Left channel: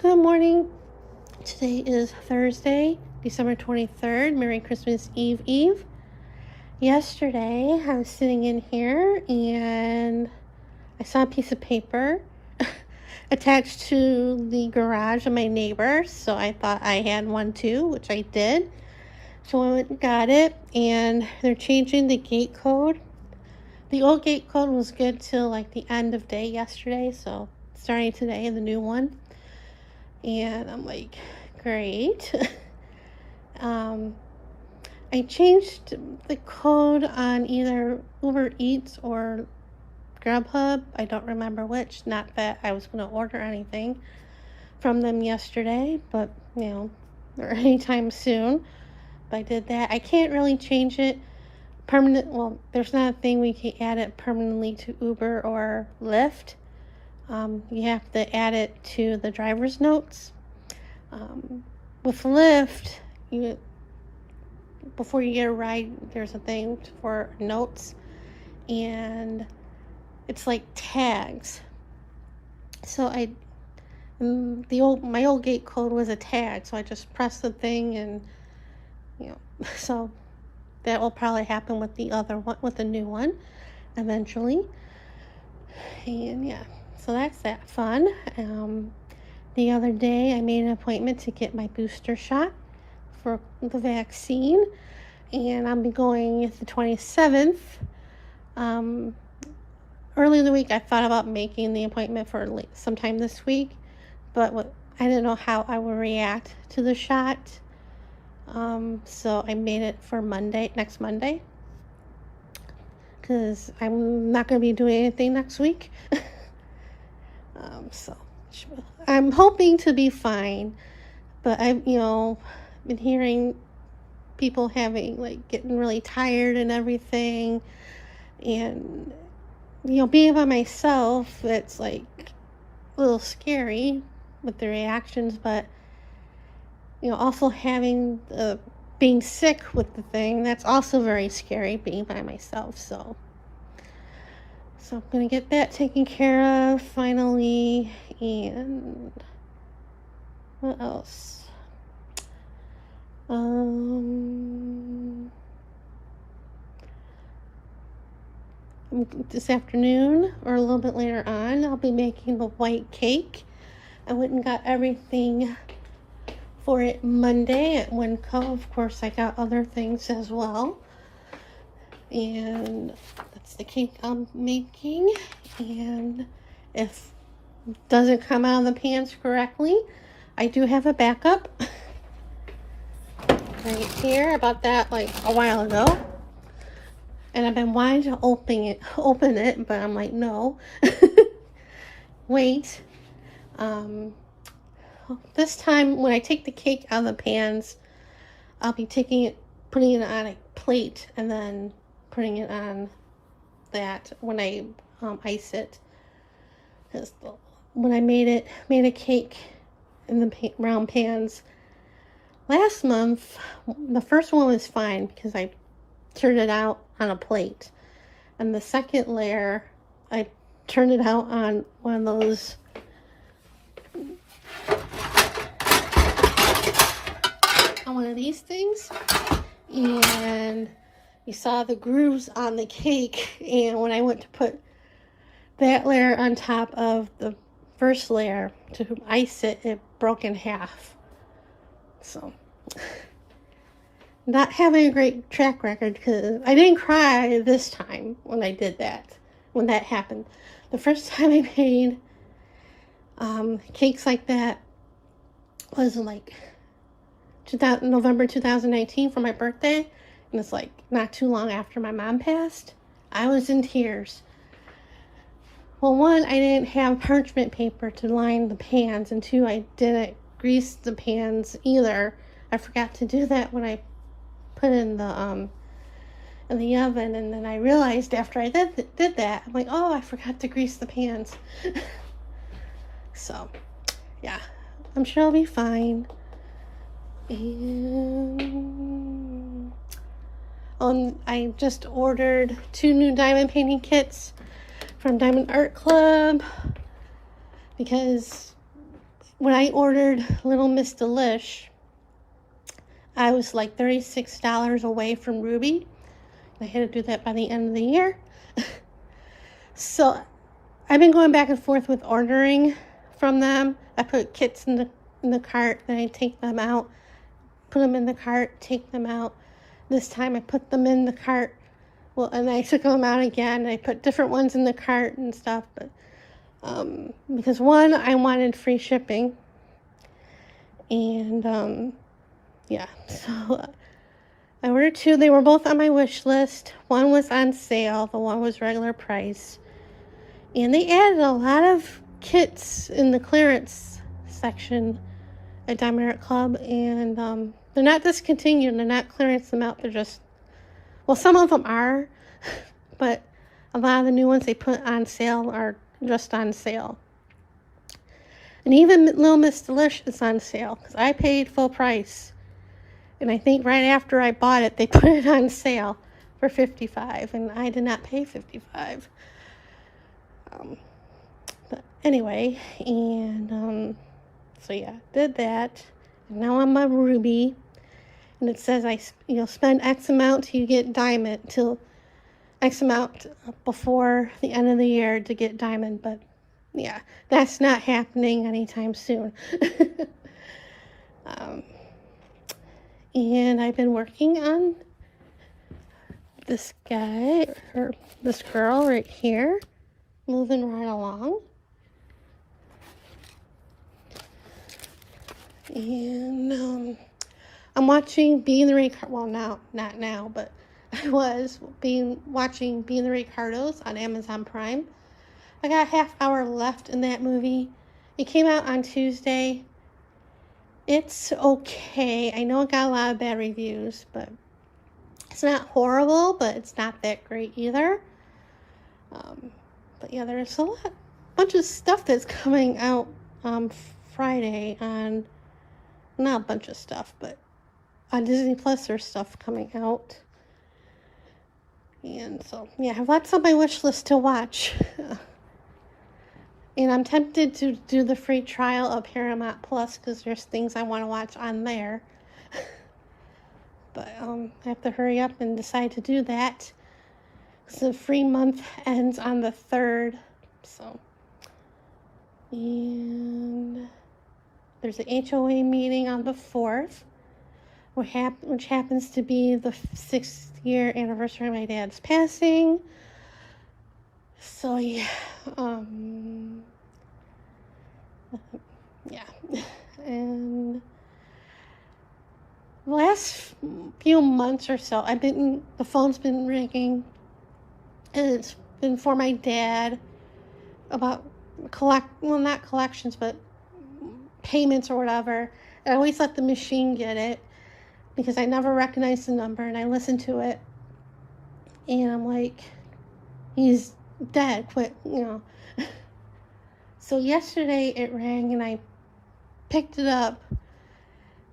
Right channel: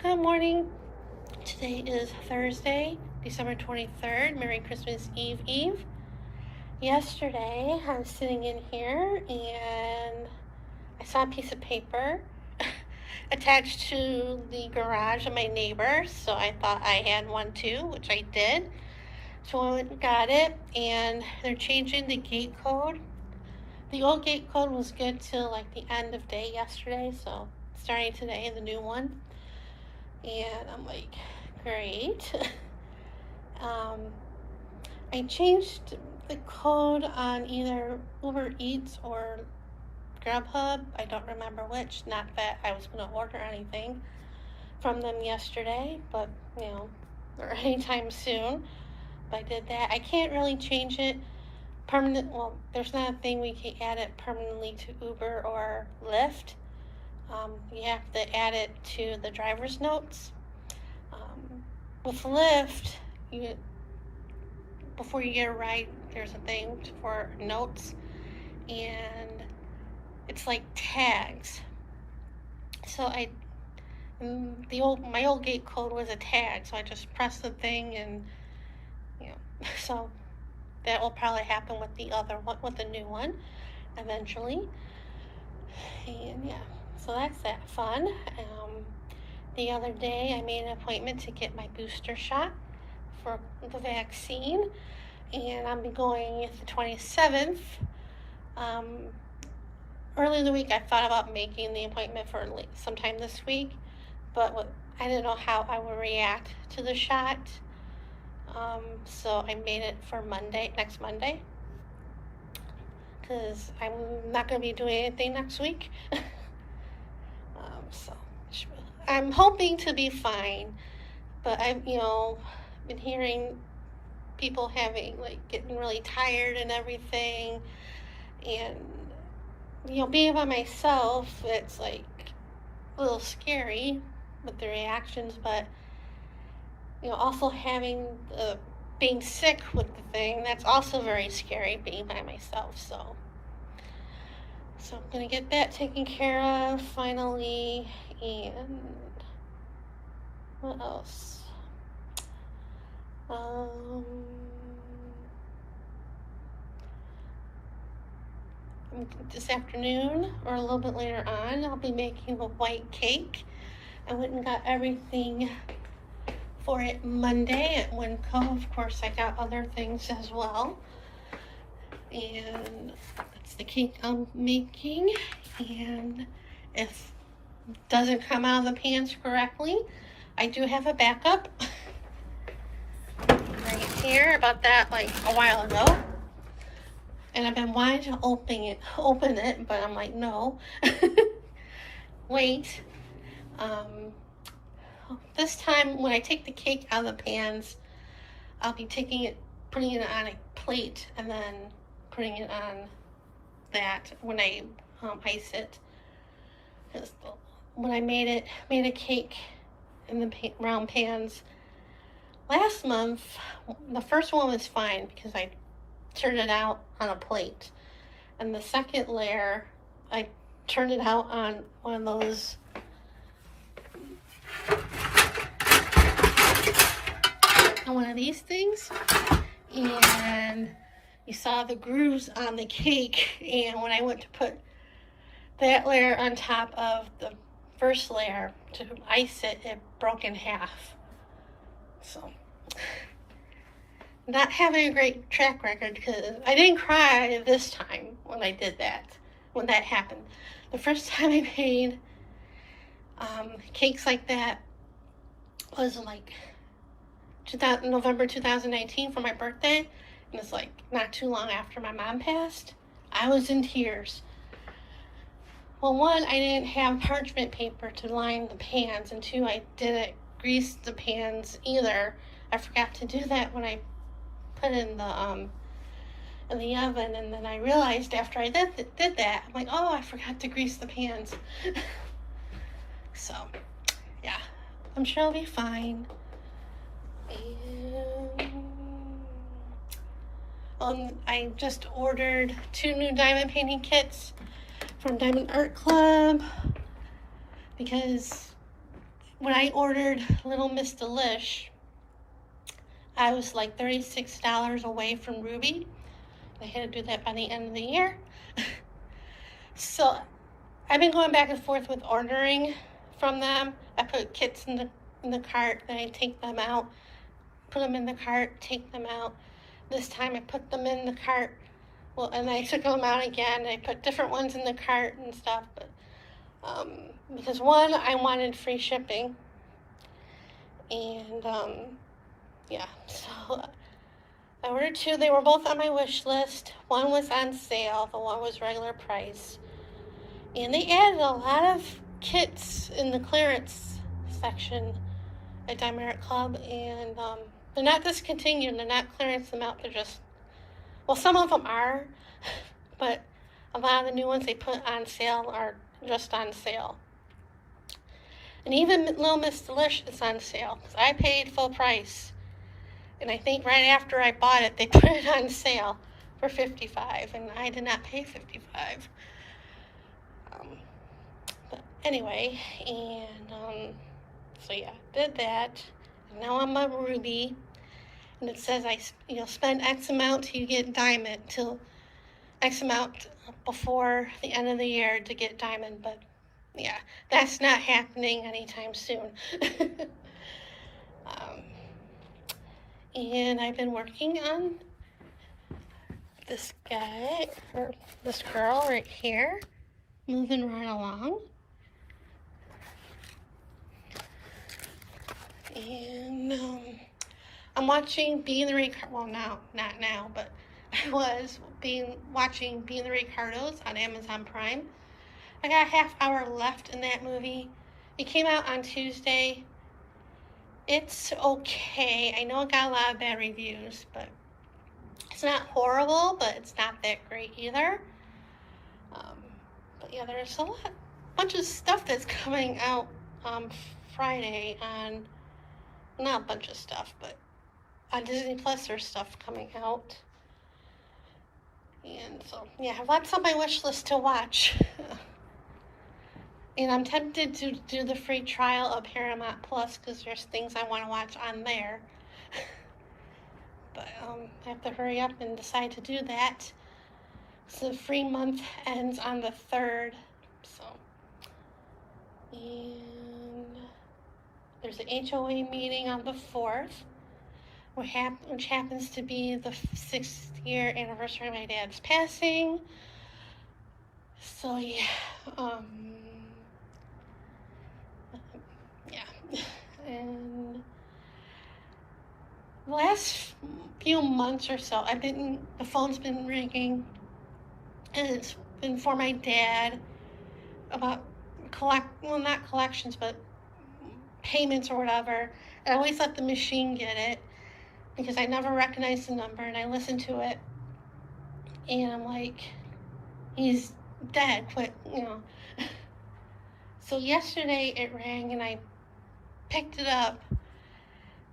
Good morning. Today is Thursday, December 23rd. Merry Christmas Eve. Yesterday, I was sitting in here and I saw a piece of paper attached to the garage of my neighbor. So I thought I had one too, which I did. So I went and got it, and they're changing the gate code. The old gate code was good till like the end of day yesterday, so starting today, the new one. And I'm like, great. I changed the code on either Uber Eats or Grubhub. I don't remember which. Not that I was going to order anything from them yesterday, but or anytime soon. But I did that. I can't really change it permanent. Well, there's not a thing we can add it permanently to Uber or Lyft. You have to add it to the driver's notes. With Lyft, before you get a ride, there's a thing for notes, and it's like tags. So my old gate code was a tag, so I just pressed the thing, and so that will probably happen with the other one, with the new one, eventually. And so that's that fun. The other day I made an appointment to get my booster shot for the vaccine, and I'll be going the 27th. Early in the week I thought about making the appointment for sometime this week, but I didn't know how I would react to the shot. So I made it for next Monday, because I'm not going to be doing anything next week. So I'm hoping to be fine, but I've been hearing people getting really tired and everything, and being by myself, it's like a little scary with the reactions, but also being sick with the thing, that's also very scary, being by myself. So I'm gonna get that taken care of finally. And what else? This afternoon, or a little bit later on, I'll be making the white cake. I went and got everything for it Monday at Winco. Of course, I got other things as well. And that's the cake I'm making. And if it doesn't come out of the pans correctly, I do have a backup right here. I bought that like a while ago, and I've been wanting to open it, but I'm like, no. Wait. This time when I take the cake out of the pans, I'll be putting it on a plate, and then putting it on that when I ice it. When I made a cake in the round pans last month, the first one was fine because I turned it out on a plate, and the second layer I turned it out on one of those these things, and you saw the grooves on the cake, and when I went to put that layer on top of the first layer to ice it, it broke in half. So not having a great track record, because I didn't cry this time when that happened. The first time I made cakes like that was like November 2019 for my birthday, and it's like not too long after my mom passed. I was in tears. Well, one, I didn't have parchment paper to line the pans, and two, I didn't grease the pans either. I forgot to do that when I put in the oven, and then I realized after I did that, I'm like, oh, I forgot to grease the pans. So yeah, I'm sure I'll be fine. And I just ordered 2 new diamond painting kits from Diamond Art Club, because when I ordered Little Miss Delish, I was like $36 away from Ruby. I had to do that by the end of the year. So I've been going back and forth with ordering from them. I put kits in the cart, then I take them out, put them in the cart, take them out. This time I put them in the cart, well, and I took them out again. I put different ones in the cart and stuff, but because one, I wanted free shipping, and yeah, so I ordered two. They were both on my wish list. One was on sale, the one was regular price. And they added a lot of kits in the clearance section at Diamond Club, and they're not discontinued. They're not clearancing them out. They're just, well, some of them are, but a lot of the new ones they put on sale are just on sale. And even Little Miss Delish is on sale because I paid full price. And I think right after I bought it, they put it on sale for $55, and I did not pay $55. But anyway, and so yeah, did that. And now I'm on Ruby, and it says I spend X amount till you get diamond, till X amount before the end of the year to get diamond. But yeah, that's not happening anytime soon. And I've been working on this guy, or this girl right here, moving right along. And I'm watching Being the Ricardos. Well, now, not now, but I was watching Being the Ricardos on Amazon Prime. I got a half hour left in that movie. It came out on Tuesday. It's okay. I know it got a lot of bad reviews, but it's not horrible, but it's not that great either. But yeah, there's a bunch of stuff that's coming out Friday on, not a bunch of stuff, but on Disney Plus there's stuff coming out. And so, yeah, I have lots on my wish list to watch. And I'm tempted to do the free trial of Paramount Plus because there's things I want to watch on there. But I have to hurry up and decide to do that. So the free month ends on the 3rd. So, and there's an HOA meeting on the 4th, which happens to be the 6th year anniversary of my dad's passing. So yeah, yeah, and the last few months or so, the phone's been ringing, and it's been for my dad about not collections, but payments or whatever. I always let the machine get it because I never recognized the number, and I listened to it, and I'm like, he's dead, quit, So yesterday it rang, and I picked it up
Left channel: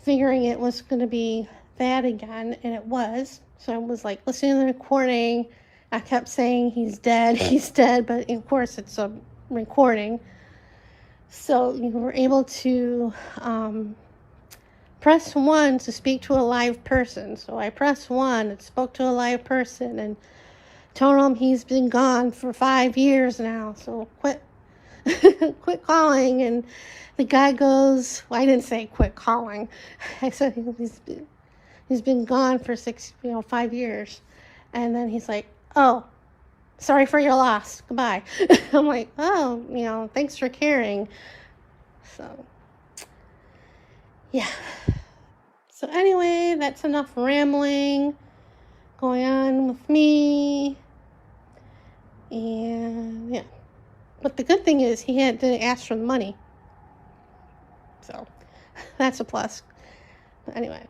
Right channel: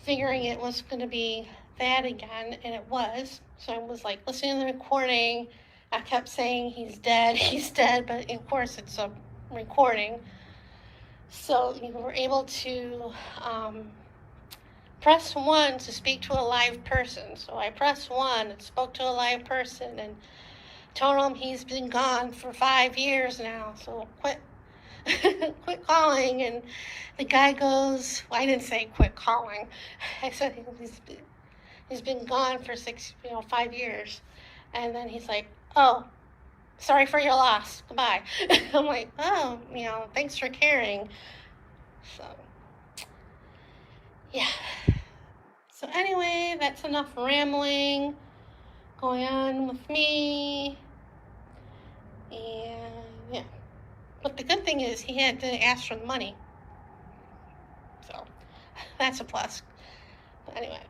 figuring it was going to be that again, and it was. So I was like listening to the recording. I kept saying he's dead, but of course it's a recording. So you were able to press 1 to speak to a live person. So I pressed 1 and spoke to a live person and told him he's been gone for 5 years now, so quit calling. And the guy goes, well, I didn't say quit calling. I said he's been gone for 5 years. And then he's like, oh, sorry for your loss, goodbye. I'm like, oh, thanks for caring. So yeah, so anyway, that's enough rambling going on with me. And yeah, but the good thing is he didn't ask for the money, so that's a plus. But anyway,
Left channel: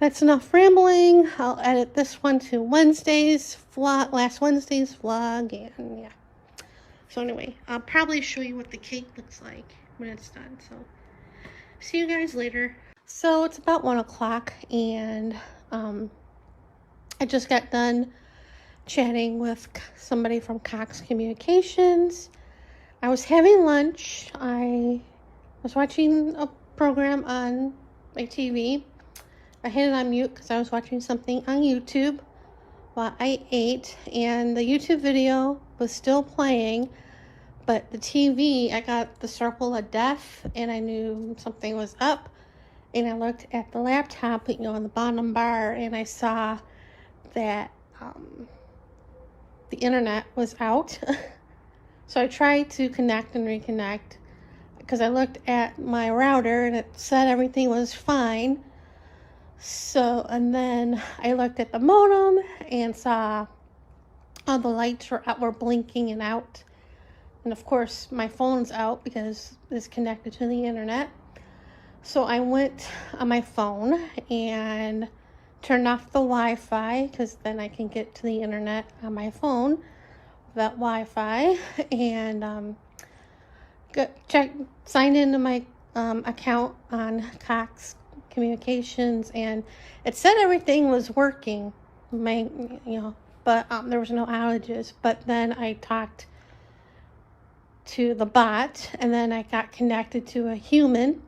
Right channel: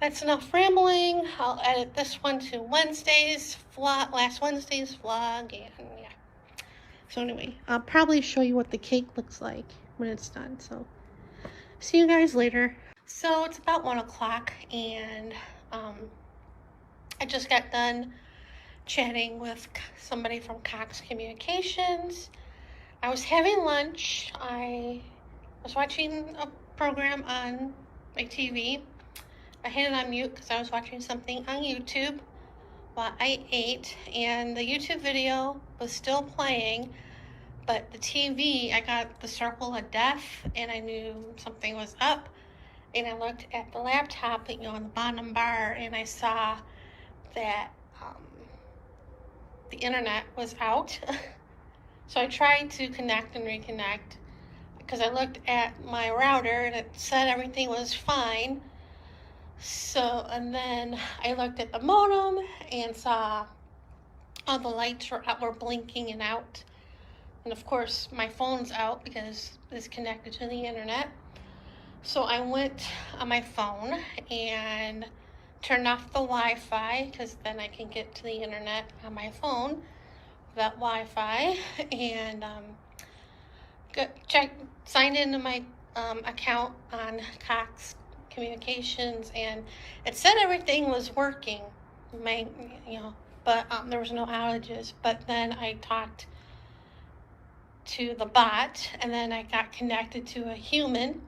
that's enough rambling. I'll edit this one to Wednesday's vlog, last Wednesday's vlog, and yeah. So anyway, I'll probably show you what the cake looks like when it's done. So see you guys later. So it's about 1 o'clock, and I just got done chatting with somebody from Cox Communications. I was having lunch. I was watching a program on my TV. I had it on mute because I was watching something on YouTube while I ate, and the YouTube video was still playing, but the TV, I got the circle of death, and I knew something was up. And I looked at the laptop, on the bottom bar, and I saw that the internet was out. So I tried to connect and reconnect because I looked at my router and it said everything was fine. So, and then I looked at the modem and saw all the lights were blinking and out. And of course, my phone's out because it's connected to the internet. So I went on my phone and turned off the Wi-Fi because then I can get to the internet on my phone, that Wi-Fi, and signed into my account on Cox Communications, and it said everything was working, but there was no outages. But then I talked to the bot, and then I got connected to a human,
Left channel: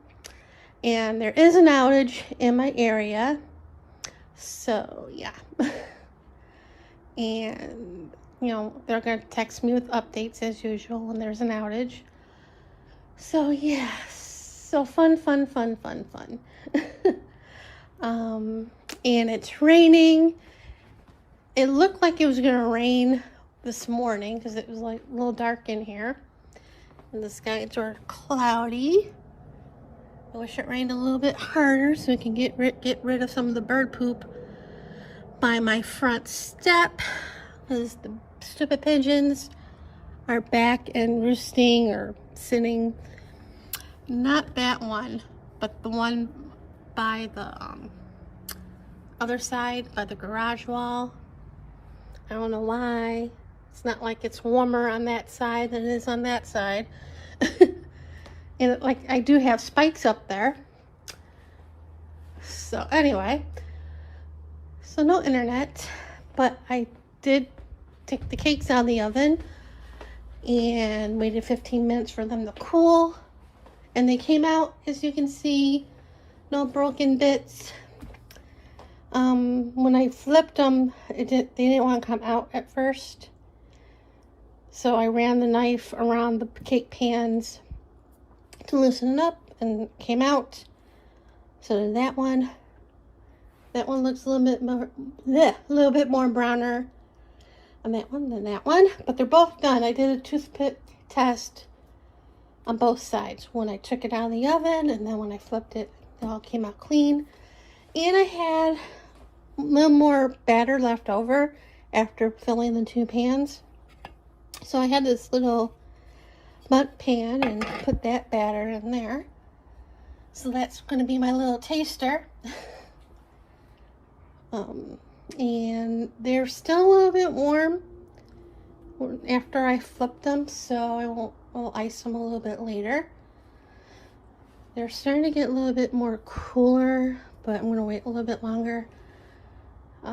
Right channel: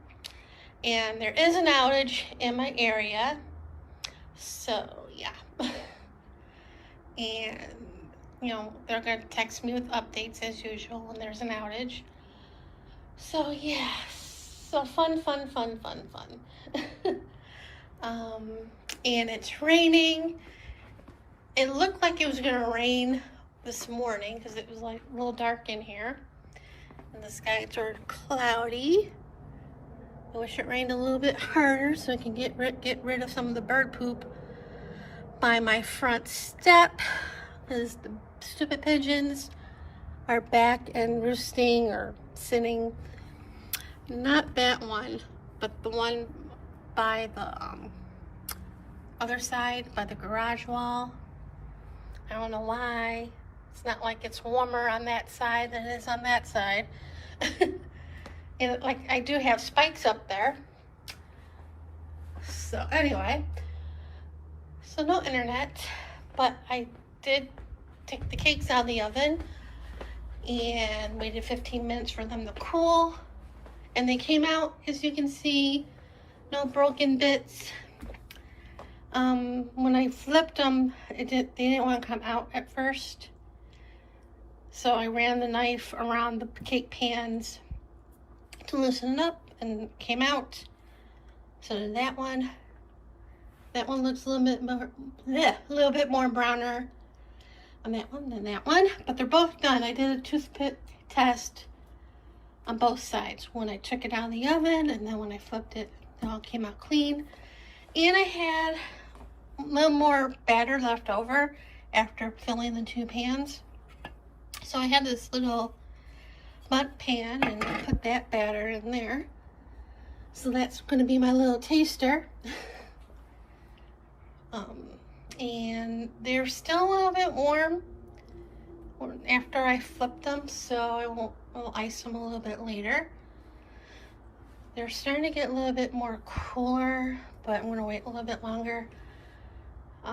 and there is an outage in my area. So yeah. And they're gonna text me with updates as usual when there's an outage. So yeah, so fun. And it's raining. It looked like it was gonna rain this morning because it was like a little dark in here, and the skies are cloudy. I wish it rained a little bit harder so we can get rid of some of the bird poop by my front step, because the stupid pigeons are back and roosting or sitting. Not that one, but the one by the other side, by the garage wall. I don't know why. It's not like it's warmer on that side than it is on that side. And like I do have spikes up there. So anyway, so no internet, but I did take the cakes out of the oven and waited 15 minutes for them to cool. And they came out, as you can see, no broken bits. When I flipped them, they didn't want to come out at first. So I ran the knife around the cake pans to loosen it up, and came out. So did that one. That one looks a little bit more browner on that one than that one, but they're both done. I did a toothpick test on both sides when I took it out of the oven, and then when I flipped it, it all came out clean. And I had a little more batter left over after filling the two pans, so I had this little mud pan and put that batter in there. So that's going to be my little taster. And they're still a little bit warm after I flipped them, so I'll ice them a little bit later. They're starting to get a little bit more cooler, but I'm going to wait a little bit longer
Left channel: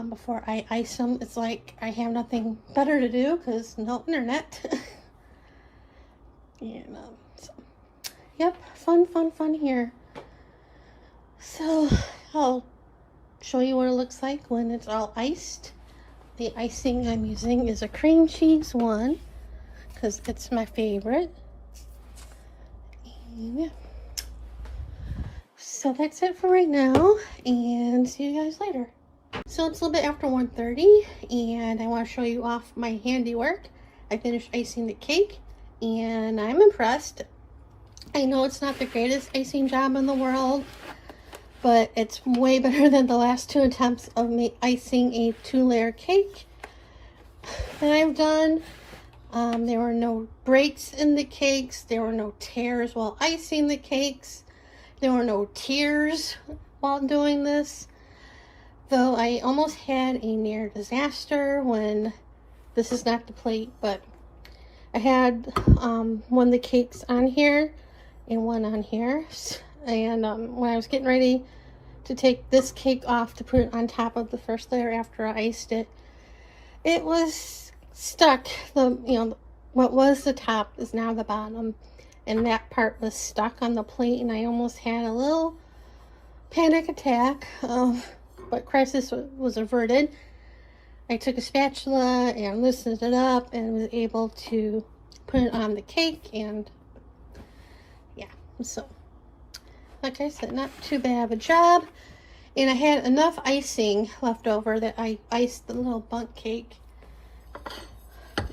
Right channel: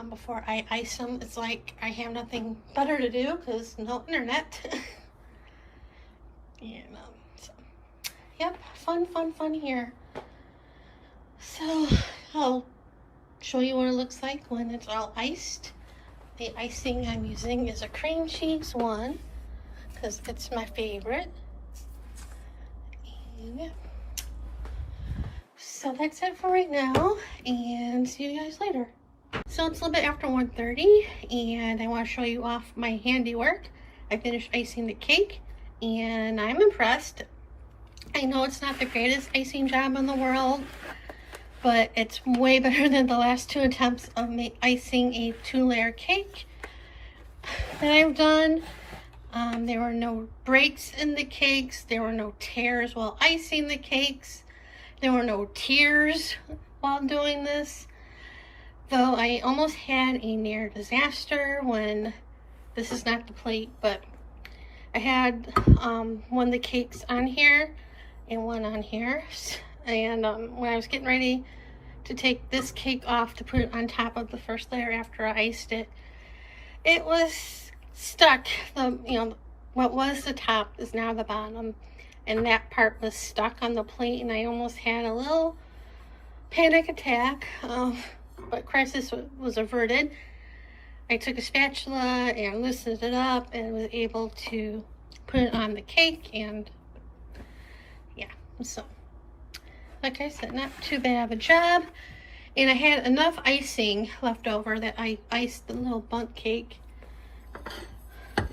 before I ice them. It's like I have nothing better to do because no internet. And so, yep, fun here. So I'll show you what it looks like when it's all iced. The icing I'm using is a cream cheese one because it's my favorite. And so that's it for right now, and see you guys later. So it's a little bit after 1:30, and I want to show you off my handiwork. I finished icing the cake, and I'm impressed. I know it's not the greatest icing job in the world, but it's way better than the last two attempts of icing a 2-layer cake that I've done. There were no breaks in the cakes. There were no tears while icing the cakes. There were no tears while doing this. Though I almost had a near disaster when, this is not the plate, but I had one of the cakes on here and one on here. And when I was getting ready to take this cake off to put it on top of the first layer after I iced it, it was stuck. What was the top is now the bottom, and that part was stuck on the plate, and I almost had a little panic attack, but crisis was averted. I took a spatula and loosened it up and was able to put it on the cake, and yeah, so like I said, not too bad of a job. And I had enough icing left over that I iced the little bundt cake,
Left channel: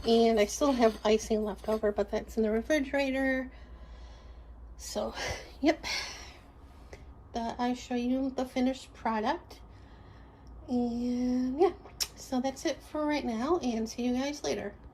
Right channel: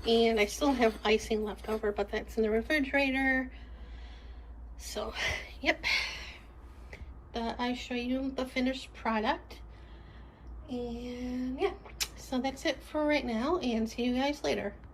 and I still have icing left over, but that's in the refrigerator. So yep, I show you the finished product, and yeah, so that's it for right now, and see you guys later.